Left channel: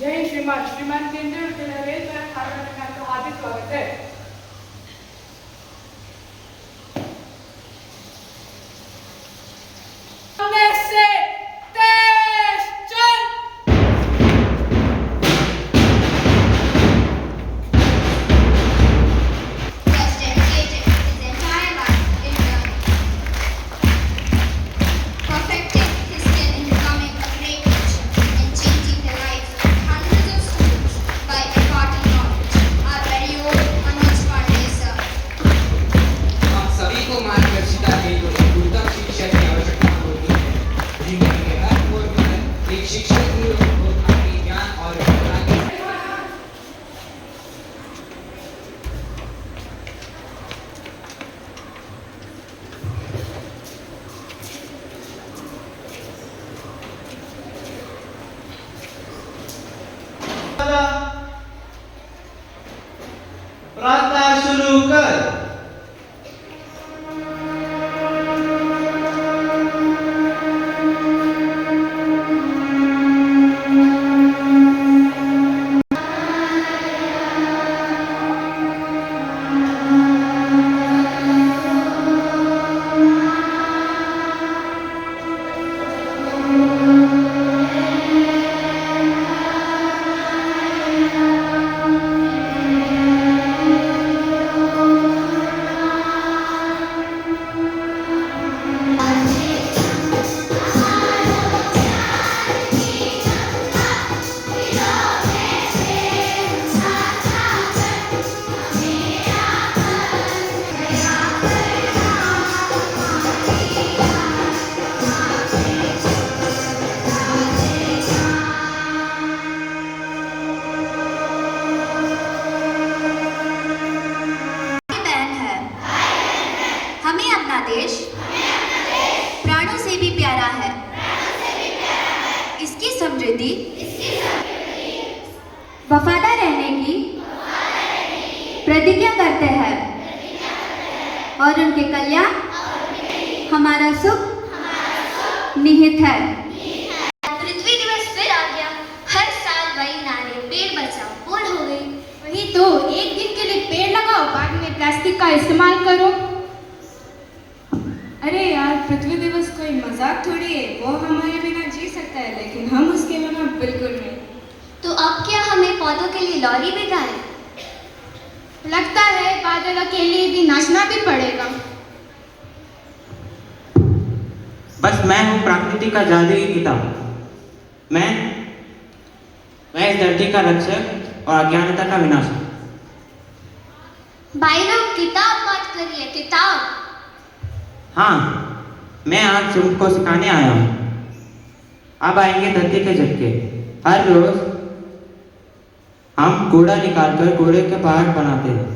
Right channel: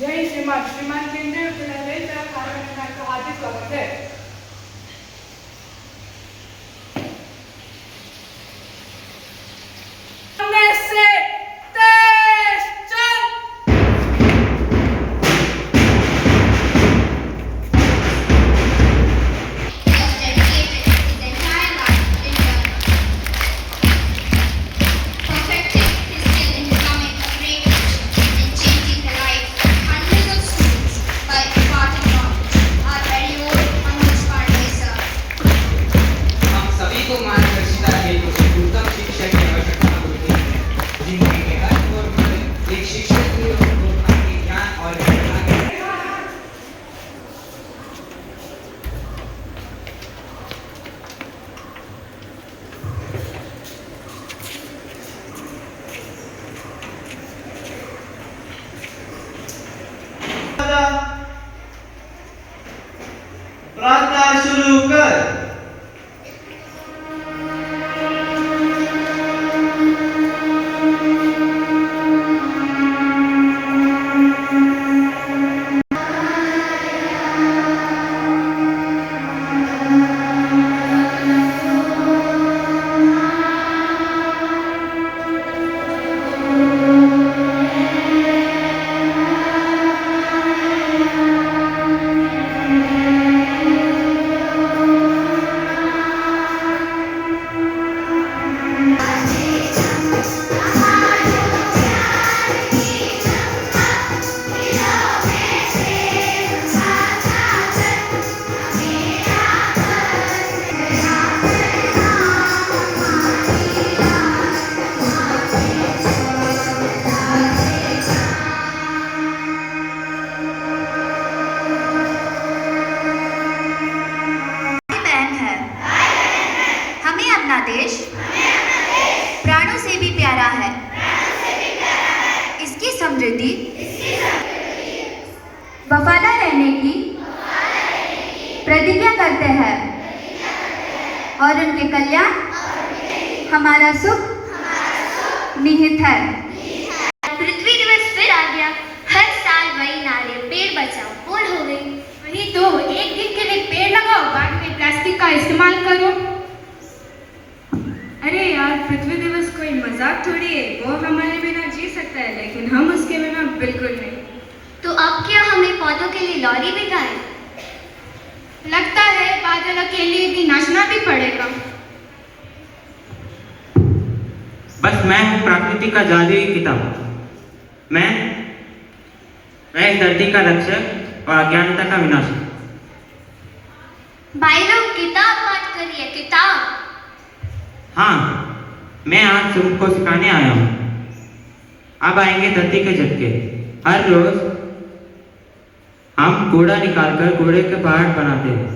जय श्रीमान केंद्रीय विद्यालय तरफ कार्यक्रम को हार्दिक स्वागत है। प्रार्थना शुरू कर। देश प्राणों से भी प्यारा है। इसकी समृद्धि वफादार रहने की प्रतिज्ञा करते हैं और उनके कल्याण हमारा सुख निहित है। पृथ्वी दिवस फिर आ गया। हर साल वही नारे पेड़ बचाओ बोल हो गई। वही तो, एक दिन के लिए पेड़ लगाओ, बाद में प्लास्टिक का इस्तेमाल करो। अरे यार, पृथ्वी दिवस कोई मजाक थोड़ी है। वो हमारे बिना जी सकता है, लेकिन हम उसके बिना बिल्कुल नहीं। तो अब क्या हमें पौधों के लिए लॉरी भिजवाएं? लगता है बादल के लिए भी नाचना भी पड़ेगा। बस मैं हूँ प्रकृति का जादुई किताब। मैं इस धरती का रक्षक और अज्ञानता का विनाशक। भाई लोग किताब मत करिए, किताब। हाँ, मैं आज सूर्य को सिखाने आया हूँ। अब आएंगे धरती के झटके। हर रोज हम कूड़ा निकालकर कूड़े के पहाड़ बनाते हैं।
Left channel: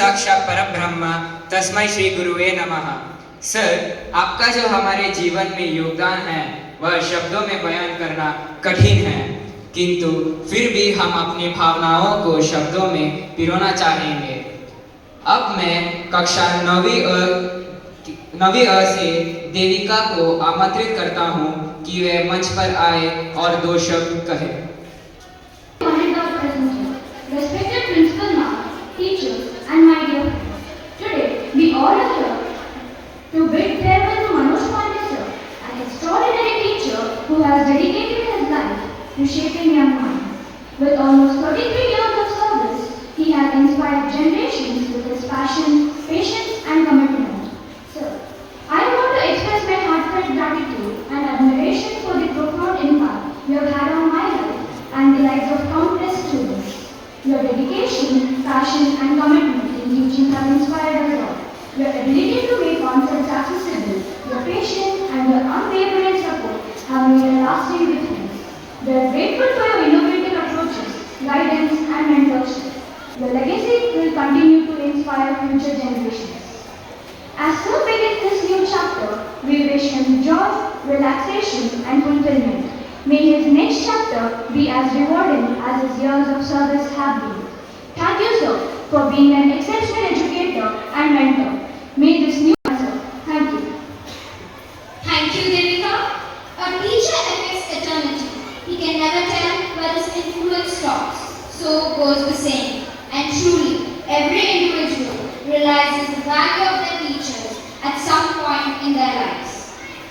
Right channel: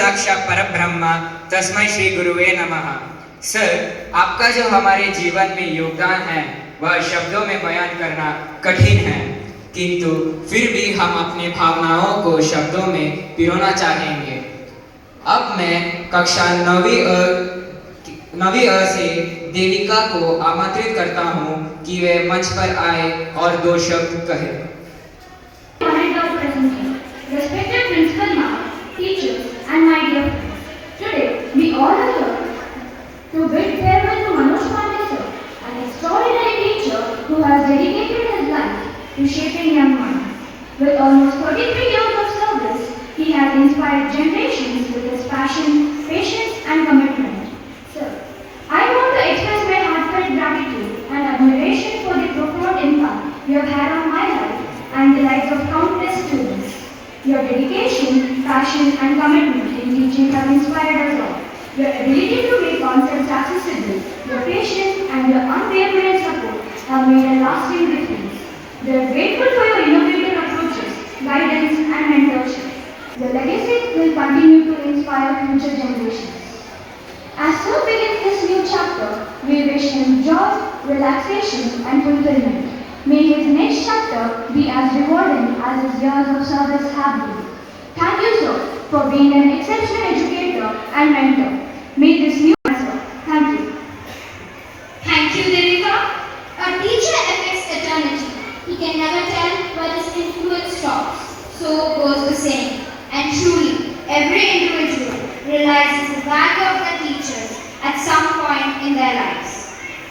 साक्षात परब्रह्मा तस्मै श्री गुरुवे नमः। सर, आपका जो हमारे जीवन में योगदान है वह शब्दों में बयान करना कठिन है, किंतु फिर भी हम अपनी भावनाओं को शब्दों में पिरोना चाहेंगे। अब मैं कक्षा 9वीं अ से देविका को आमंत्रित करता हूँ कि वे मंच पर आए और 2 शब्द कहे। Respected principal ma'am, teachers, and my dear friends, today we all are here to bid farewell to Manoj Pandya sir, an extraordinary teacher who has dedicated his life to shaping young minds. With almost 33 years of service, he has inspired generations with his passion, patience, and commitment. Sir, I want to express my heartfelt gratitude and admiration for the profound impact you have had on my life and the lives of countless students. Your dedication, passion, and commitment in teaching have inspired us all. Your ability to make concepts accessible, your patience, and your unwavering support have made a lasting difference. We are grateful for your innovative approaches, guidance, and mentorship. Your legacy will continue to inspire future generations. As Sir begins this new chapter, we wish him joy, relaxation, and fulfillment. May his next chapter be as rewarding as his years of service have been. Thank you, sir, for being an exceptional educator and mentor. May this new master. Thank you. Thank you, Devika. A teacher affects eternity. He can never tell where the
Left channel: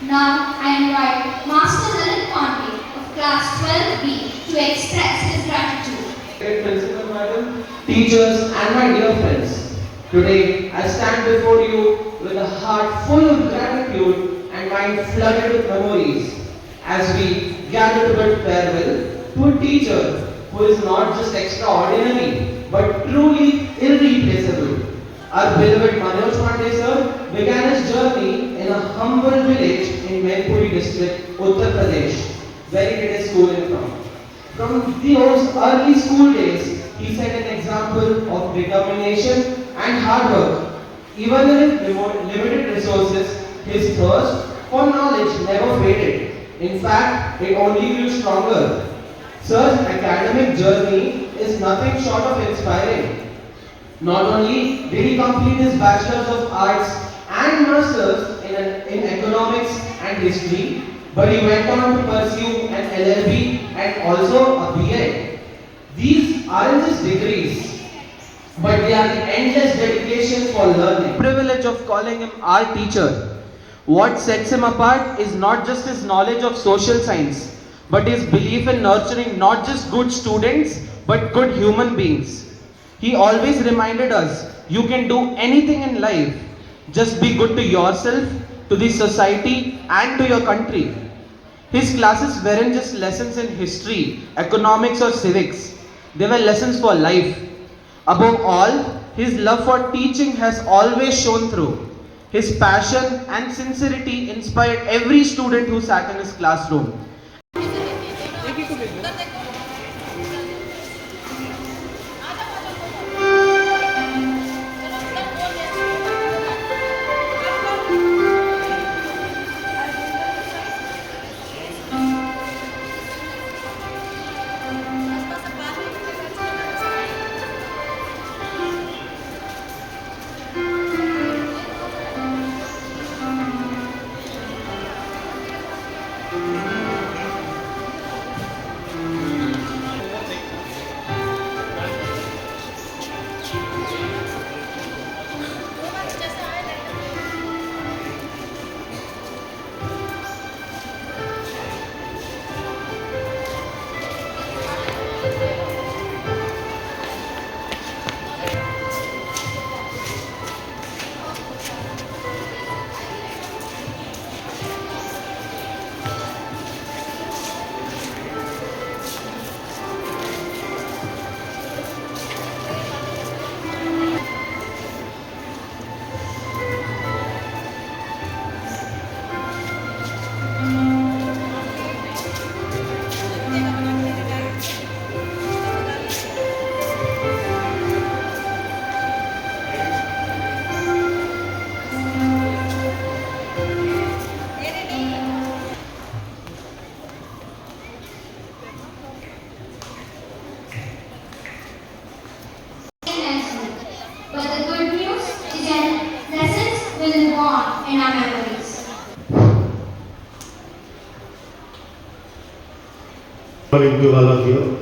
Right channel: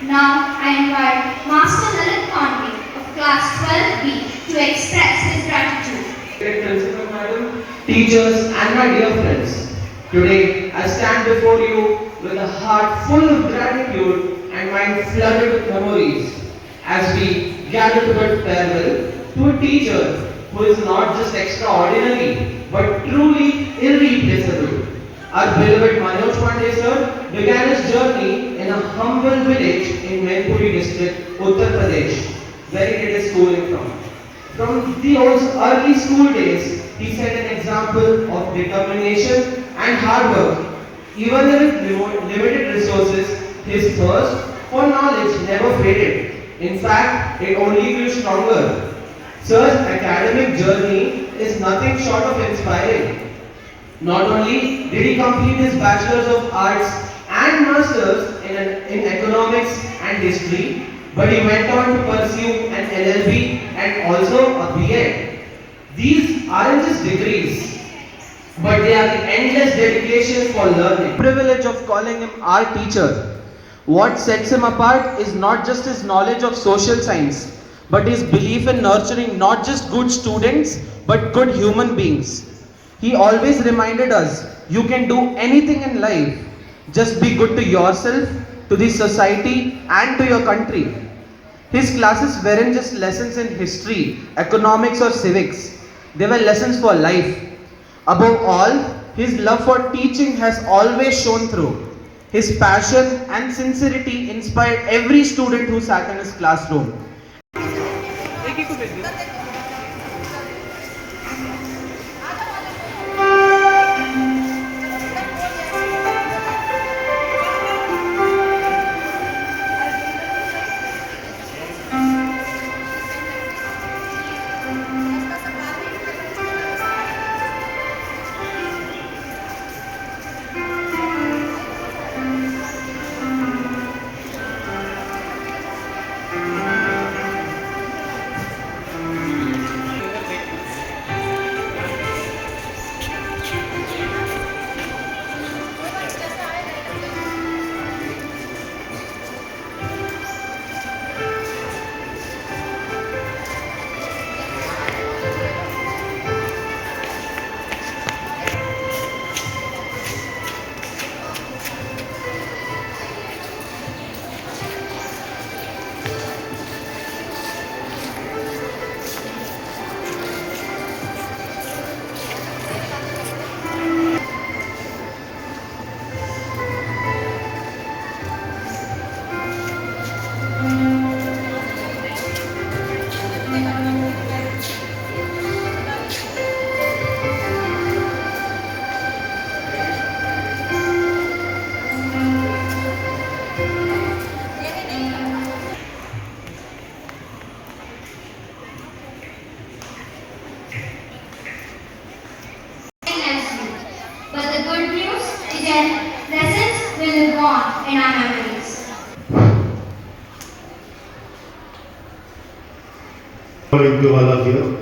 Now I invite Master Lalit Pandey of class 12B to express his gratitude. Great Principal Madam, teachers and my dear friends. Today I stand before you with a heart full of gratitude and mind flooded with memories as we gather to bid farewell to a teacher who is not just extraordinary but truly irreplaceable. Our beloved Manoj Pandey sir began his journey in a humble village in Maipuri district, Uttar Pradesh, where he did his schooling from. From those early school days, he set an example of determination and hard work. Even with limited resources, his thirst for knowledge never faded. In fact, it only grew stronger. Sir's academic journey is nothing short of inspiring. Not only did he complete his Bachelor's of Arts and Master's in Economics and History, but he went on to pursue an LLB and also a B.Ed. These aren't just degrees, but they are the endless dedication for learning. Privilege of calling him our teacher. What sets him apart is not just his knowledge of social science, but his belief in nurturing not just good students, but good human beings. He always reminded us, you can do anything in life. Just be good to yourself, to the society, and to your country. His classes weren't just lessons in history, economics, or civics. They were lessons for life. Above all, his love for teaching has always shone through. His passion and sincerity inspired every student who sat in his classroom. But the good news is that lessons will live on in our memories. Morning to all of you.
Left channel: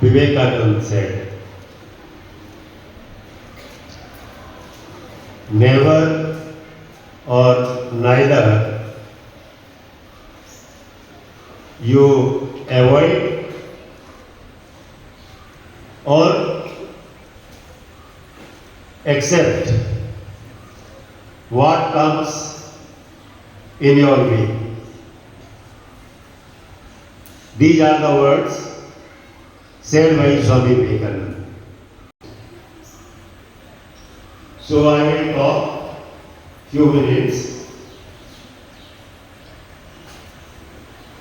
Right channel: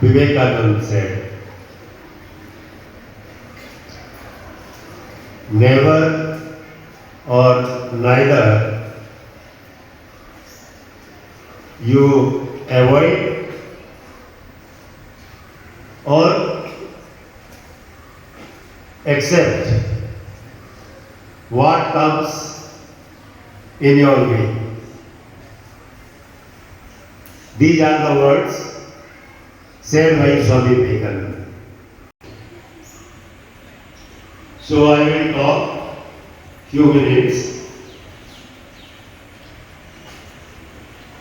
Vivekananda said, never or neither you avoid or accept what comes in your way. These are the words said by Swami Vivekananda. So I will talk few minutes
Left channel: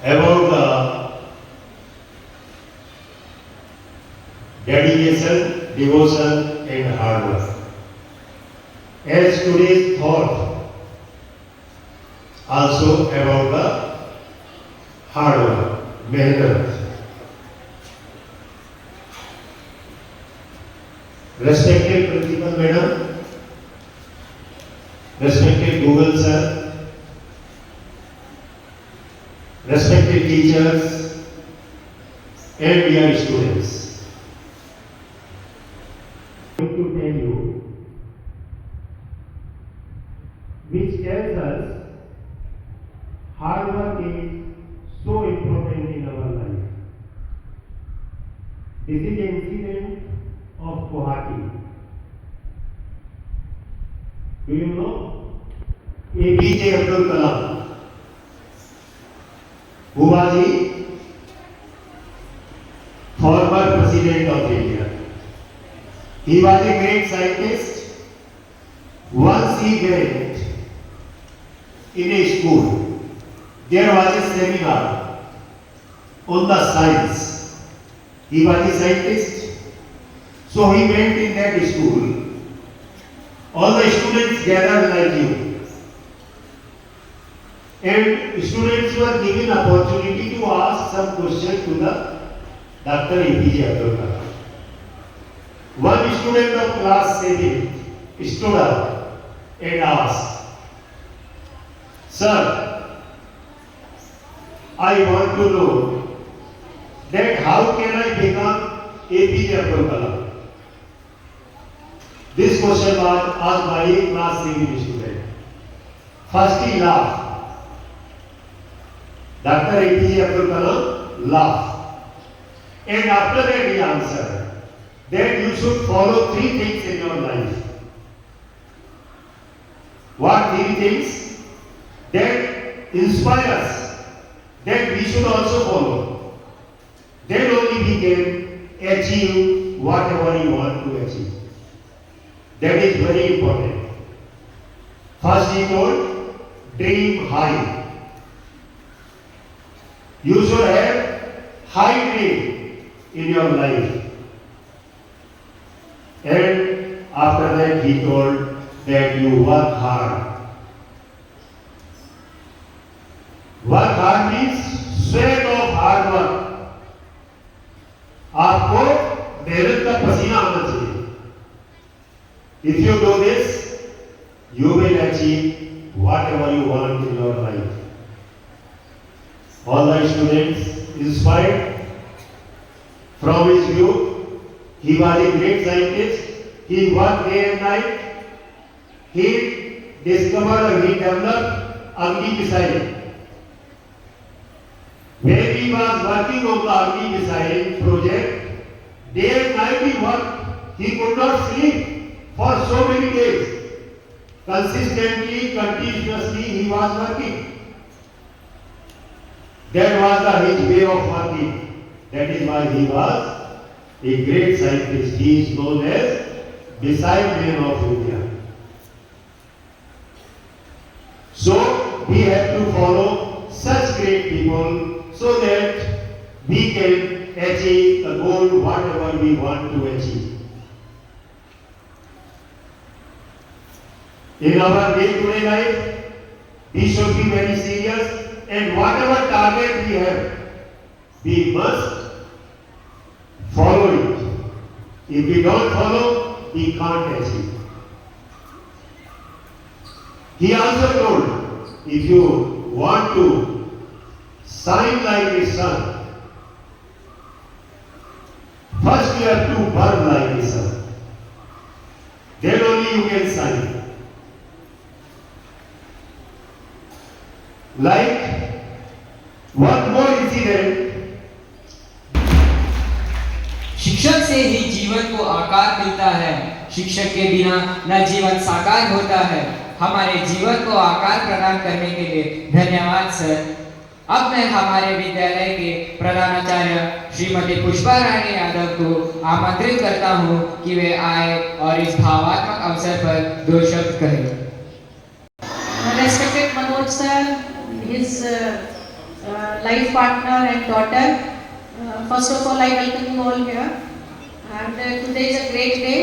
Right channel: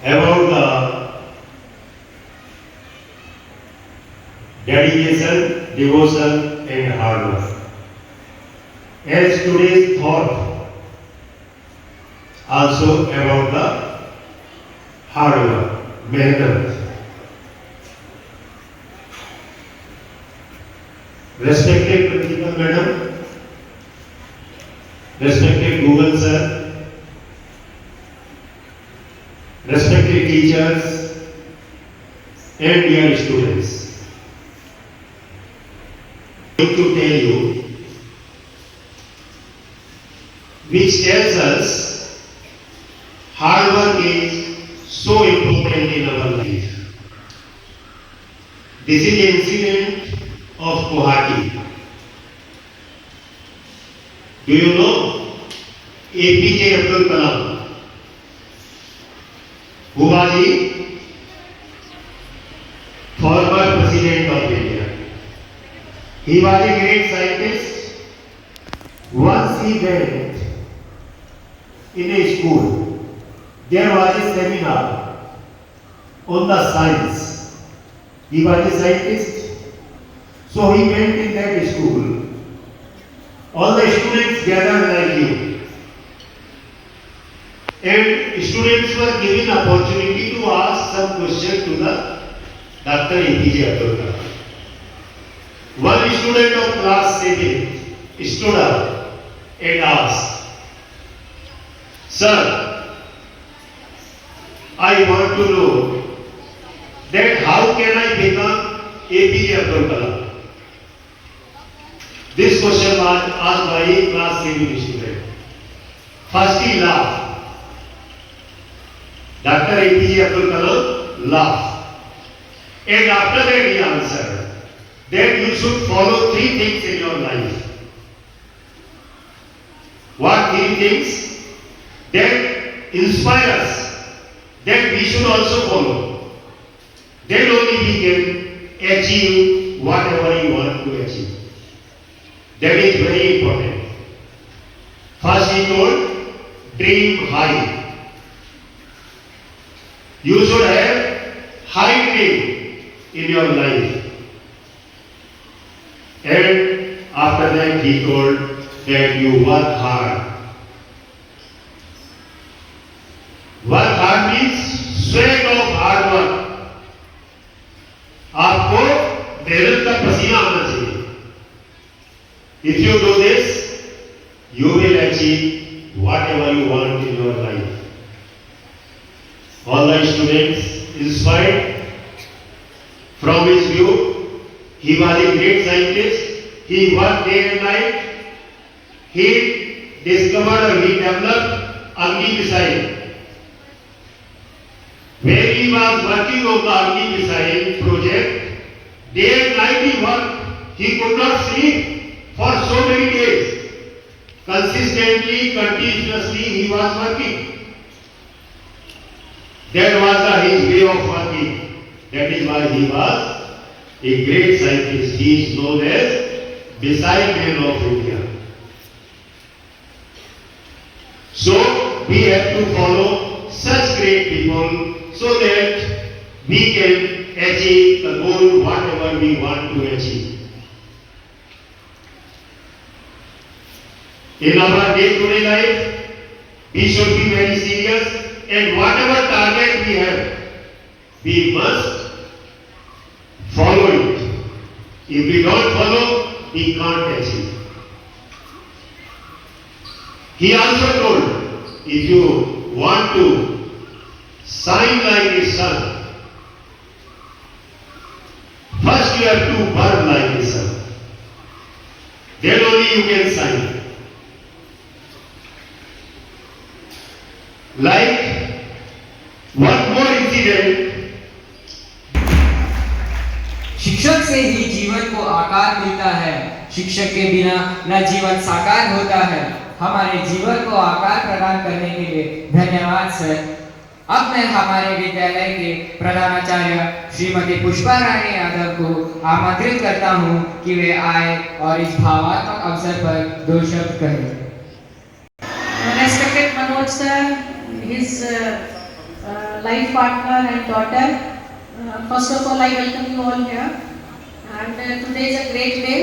about the dedication, devotion and hard work. As today's thought also about the hard work, mehnat. Respected Principal Madam, respected Google Sir, respected teachers, and dear students, I am going to tell you which tells us hard work is so important in our life. This is the incident of Guwahati. Do you know APJ Abdul Kalam? Who was he? Former President of India. He was a great scientist. Once he went in a school. There was a seminar on the science. He was a scientist. So he went in that school. All the students gathered like you. And students were given opportunity to ask some question to the Dr. APJ Abdul Kalam. One student of class 7 stood up and asked, "Sir, I want to know that how can I become APJ Abdul Kalam?" This question was asked by a class 7 student. First he laughed. Dr. APJ Abdul Kalam laughed. And after that he answered that you should follow 3 things in your life. What 3 things? That inspire us, that we should also follow. Then only we can achieve whatever we want to achieve. That is very important. First he told, dream high. You should have high dream in your life. And after that he told that you work hard. Work hard means sweat of hard work. आपको मेहनत का पसीना आना चाहिए. If you do this, you will achieve whatever you want in your life. All the students inspired from his view. He was a great scientist. He worked day and night. He discovered or he developed Agni missile. When he was working on the Agni missile project, day and night he worked. He could not sleep for so many days. Consistently, continuously he was working. That was his way of working. That is why he was a great scientist. He is known as Missile Man of India. So we have to follow such great people so that we can achieve the goal whatever we want to achieve. In our day-to-day life, we should be very serious, and whatever target we have, we must follow it. If we don't follow, we can't achieve. He also told, if you want to shine like the sun, first you have to burn like the sun. Then only you can shine. Like one more incident. शिक्षक से ही जीवन को आकार मिलता है. शिक्षक के बिना न जीवन साकार होता है. हमारे जीवन को आकार प्रदान करने के लिए धन्यवाद सर. अब मैं हमारे विद्यालय के प्रधानाचार्य श्रीमती पुष्पा रानी यादव को आमंत्रित करता हूं कि वे आए और इस भावात्मक अवसर पर 2 शब्द कहें. Respected Manoj sir, his life partner and daughter. First of all, I welcome you all here. And today is a great day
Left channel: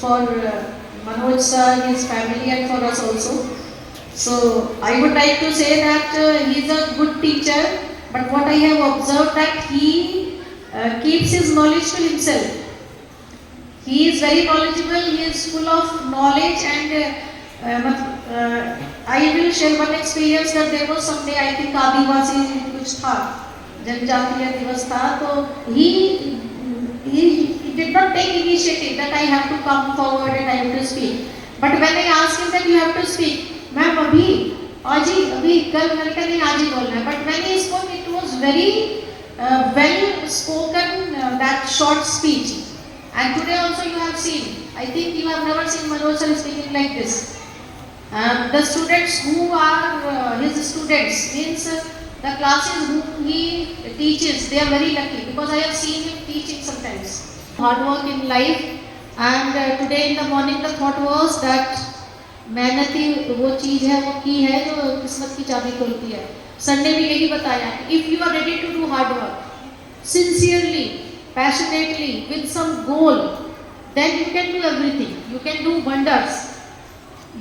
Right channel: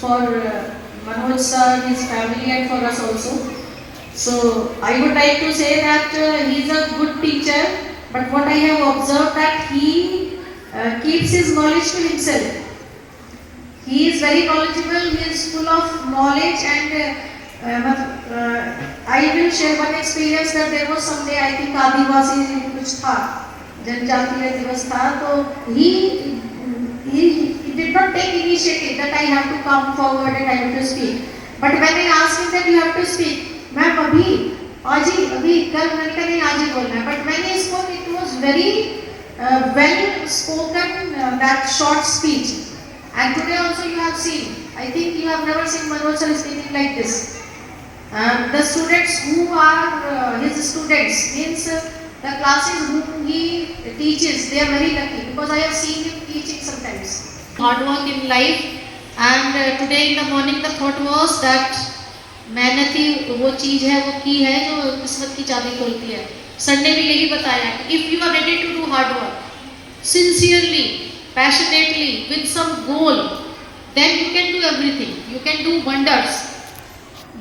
for Manoj sir, his family, and for us also. So I would like to say that he is a good teacher, but what I have observed that he keeps his knowledge to himself. He is very knowledgeable. He is full of knowledge, and I will share one experience that there was someday I think Adivasi कुछ था जनजातीय दिवस था, तो he did not take initiative that I have to come forward and I have to speak. But when I asked him that you have to speak, ma'am अभी कल मैंने कहा नहीं आज ही बोलना है. But when he spoke, it was very well spoken, that short speech. And today also you have seen, I think you have never seen Manoj sir speaking like this. The students who are his students, means the classes whom he teaches, they are very lucky because I have seen him teaching sometimes. Hard work in life, and today in the morning the thought was that मेहनत ही वो चीज़ है, वो की है जो किस्मत की चाबी खोलती है. सर ने भी यही बताया कि if you are ready to do hard work, sincerely, passionately, with some goal, then you can do everything. You can do wonders.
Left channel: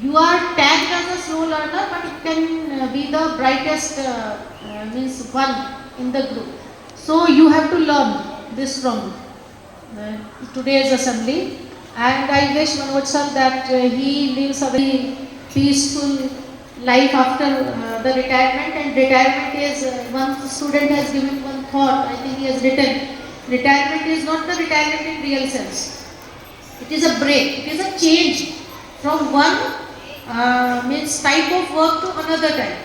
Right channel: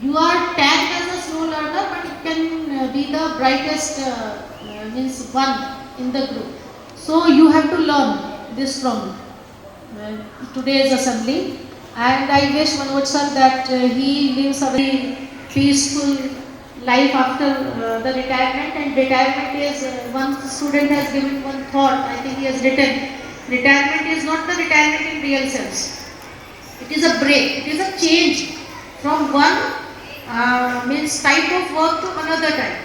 You are tagged as a slow learner, but you can be the brightest means one in the group. So you have to learn this from today's assembly. And I wish Manoj sir that he lives a very peaceful life after the retirement. And retirement is, one student has given one thought, I think he has written, retirement is not the retirement in real sense. It is a break, it is a change from one means type of work to another type.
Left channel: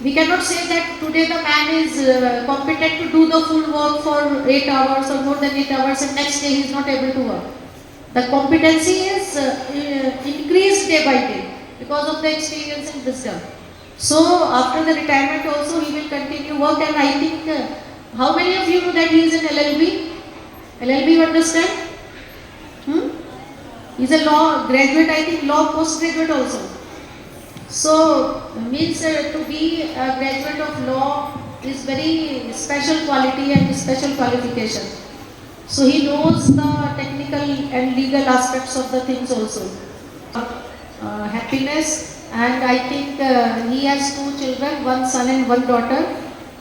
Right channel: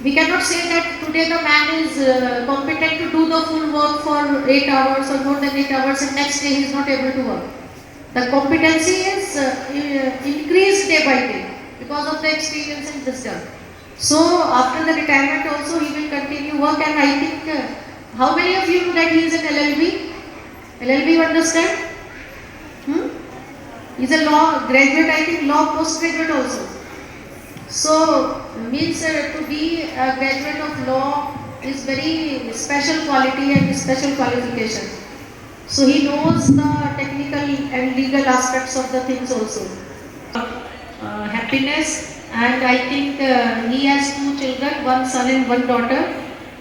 We cannot say that today the man is competent to do the full work for 8 hours or more than 8 hours and next day he is not able to work. The competency is increased day by day because of the experience and wisdom. So after the retirement also he will continue work, and I think how many of you know that he is in LLB? LLB, you understand? He is a law graduate, I think law postgraduate also. So means to be a graduate of law is very special quality and special qualification. So he knows the technical and legal aspects of the things also. Happiness, and I think he has 2 children, one son and one daughter,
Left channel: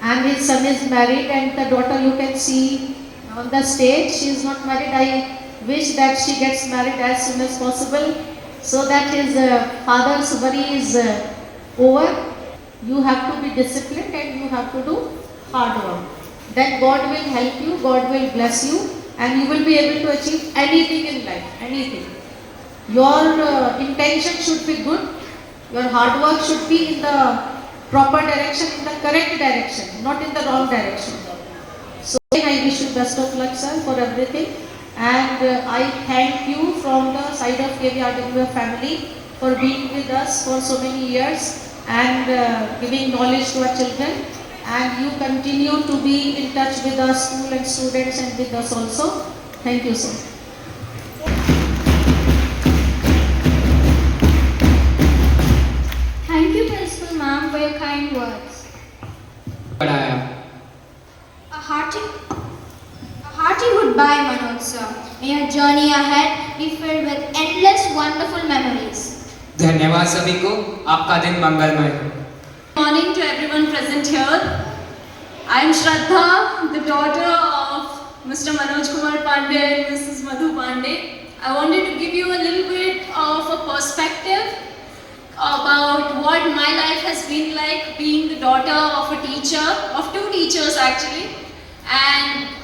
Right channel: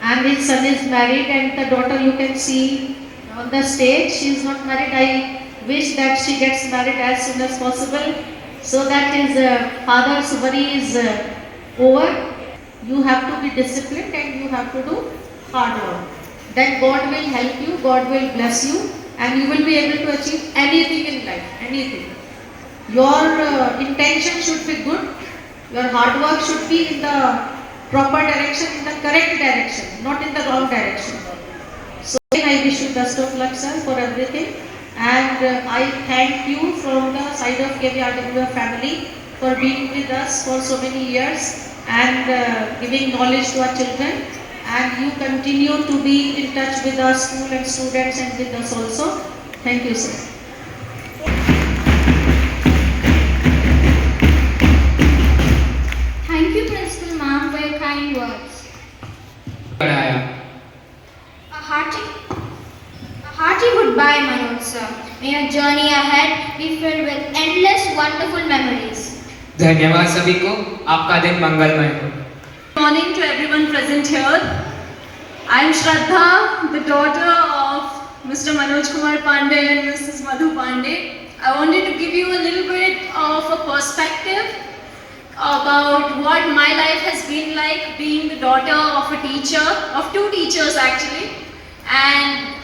and his son is married, and the daughter you can see on the stage. She is not married. I wish that she gets married as soon as possible so that his father's worry is over. You have to be disciplined and you have to do hard work. Then God will help you, God will bless you, and you will be able to achieve anything in life, anything. Your intention should be good, your hard work should be in the proper direction, in the correct direction, not in the wrong direction. So I wish you best of luck, sir, for everything, and I thank you from the side of KVRW family for being with us for so many years and giving knowledge to our children. And you continue to be in touch with our school and students and with us also. Thank you, sir. Thank you, Principal Ma'am, for your kind words. A hearty goodbye, Manoj sir. May your journey ahead be filled with endless wonderful memories. धन्यवाद सभी को, आपका दिन मंगलमय हो. Good morning to everyone present here. I am Shraddha, the daughter of Mr. Manoj Kumar Pandey and Mrs. Madhu Pandey. I wanted to give you a little bit of a perspective about what my life has been like being the daughter of a teacher, of 2 teachers actually, and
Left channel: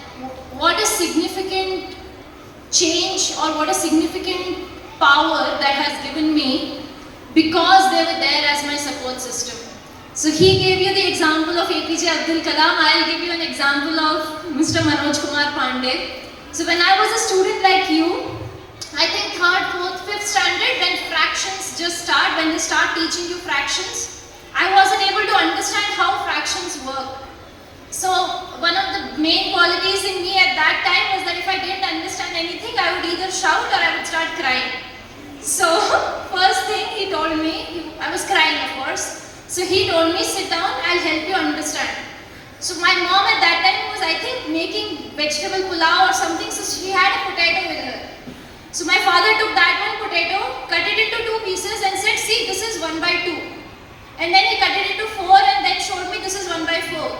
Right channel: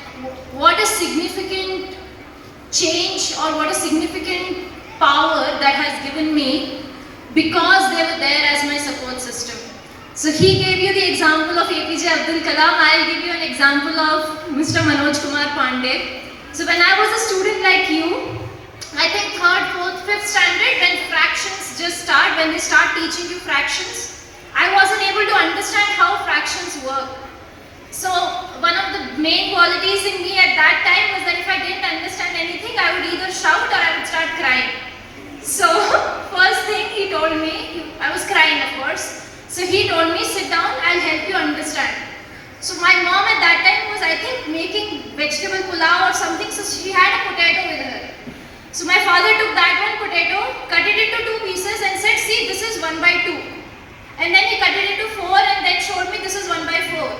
what a significant change or what a significant power that has given me because they were there as my support system. So he gave you the example of APJ Abdul Kalam. I'll give you an example of Mr. Manoj Kumar Pandey. So when I was a student like you, I think 3rd, 4th, 5th standard, when fractions just start, when they start teaching you fractions, I wasn't able to understand how fractions work. So one of the main qualities in me at that time was that if I didn't understand anything, I would either shout or I would start crying. So first thing he told me, I was crying of course. So he told me, sit down, I'll help you understand. So my mom at that time was, I think, making vegetable pulao or something, so she had a potato with her. So my father took that one potato, cut it into 2 pieces and said, see, this is 1/2. And then he cut it into 4 and then showed me this is 1/4.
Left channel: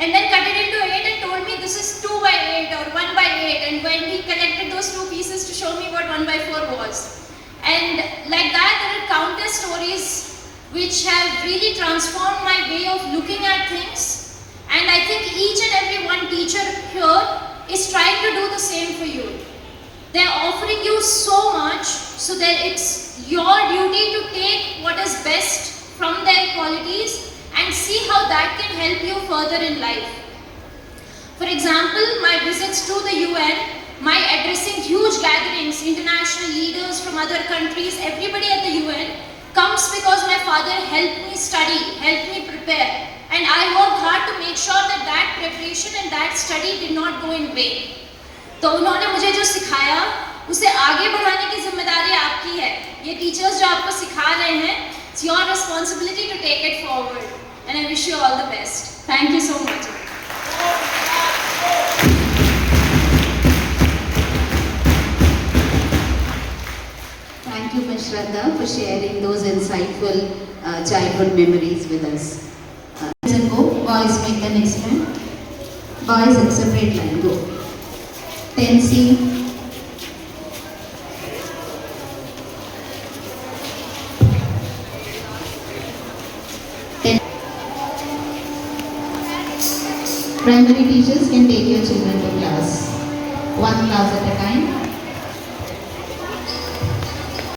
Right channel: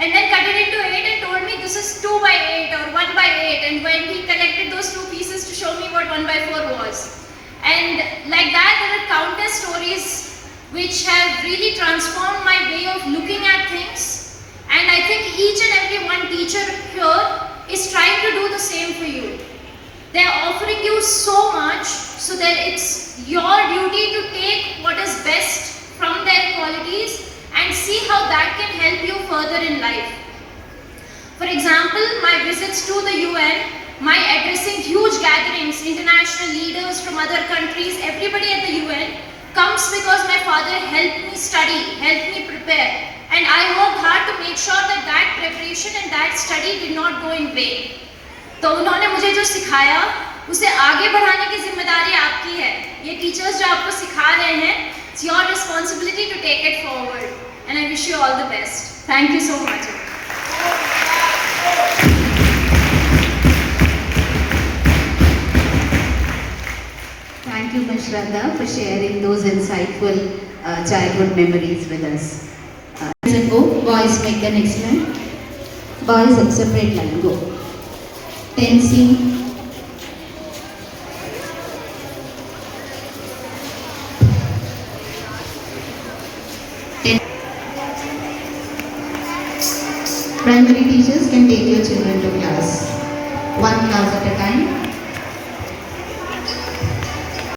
And then cut it into 8 and told me this is 2/8 or 1/8. And when he connected those 2 pieces to show me what 1/4 was. And like that, there are countless stories which have really transformed my way of looking at things And I think each and every one teacher here is trying to do the same for you. They are offering you so much so that it's your duty to take what is best from their qualities and see how that can help you further in life. For example, my visits to the UN, my addressing huge gatherings, international leaders from other countries, everybody at the UN comes because my father helped me study, helped me prepare. And I worked hard to make sure that that preparation and that study did not go in vain. तो उन्होंने मुझे जो सिखाया उसे आगे बढ़ाने की जिम्मेदारी आपकी है. ये टीचर्स जो आपको सिखा रहे हैं, it's your responsibility to take it forward. And I wish you all the best. Thank you so much. Thank you, Ms. Shraddha, for sharing those insightful childhood memories with us. And go, boys make the next one. Boys at separate line, go. Tensing. Primary teachers can take your children to class. One class at a time.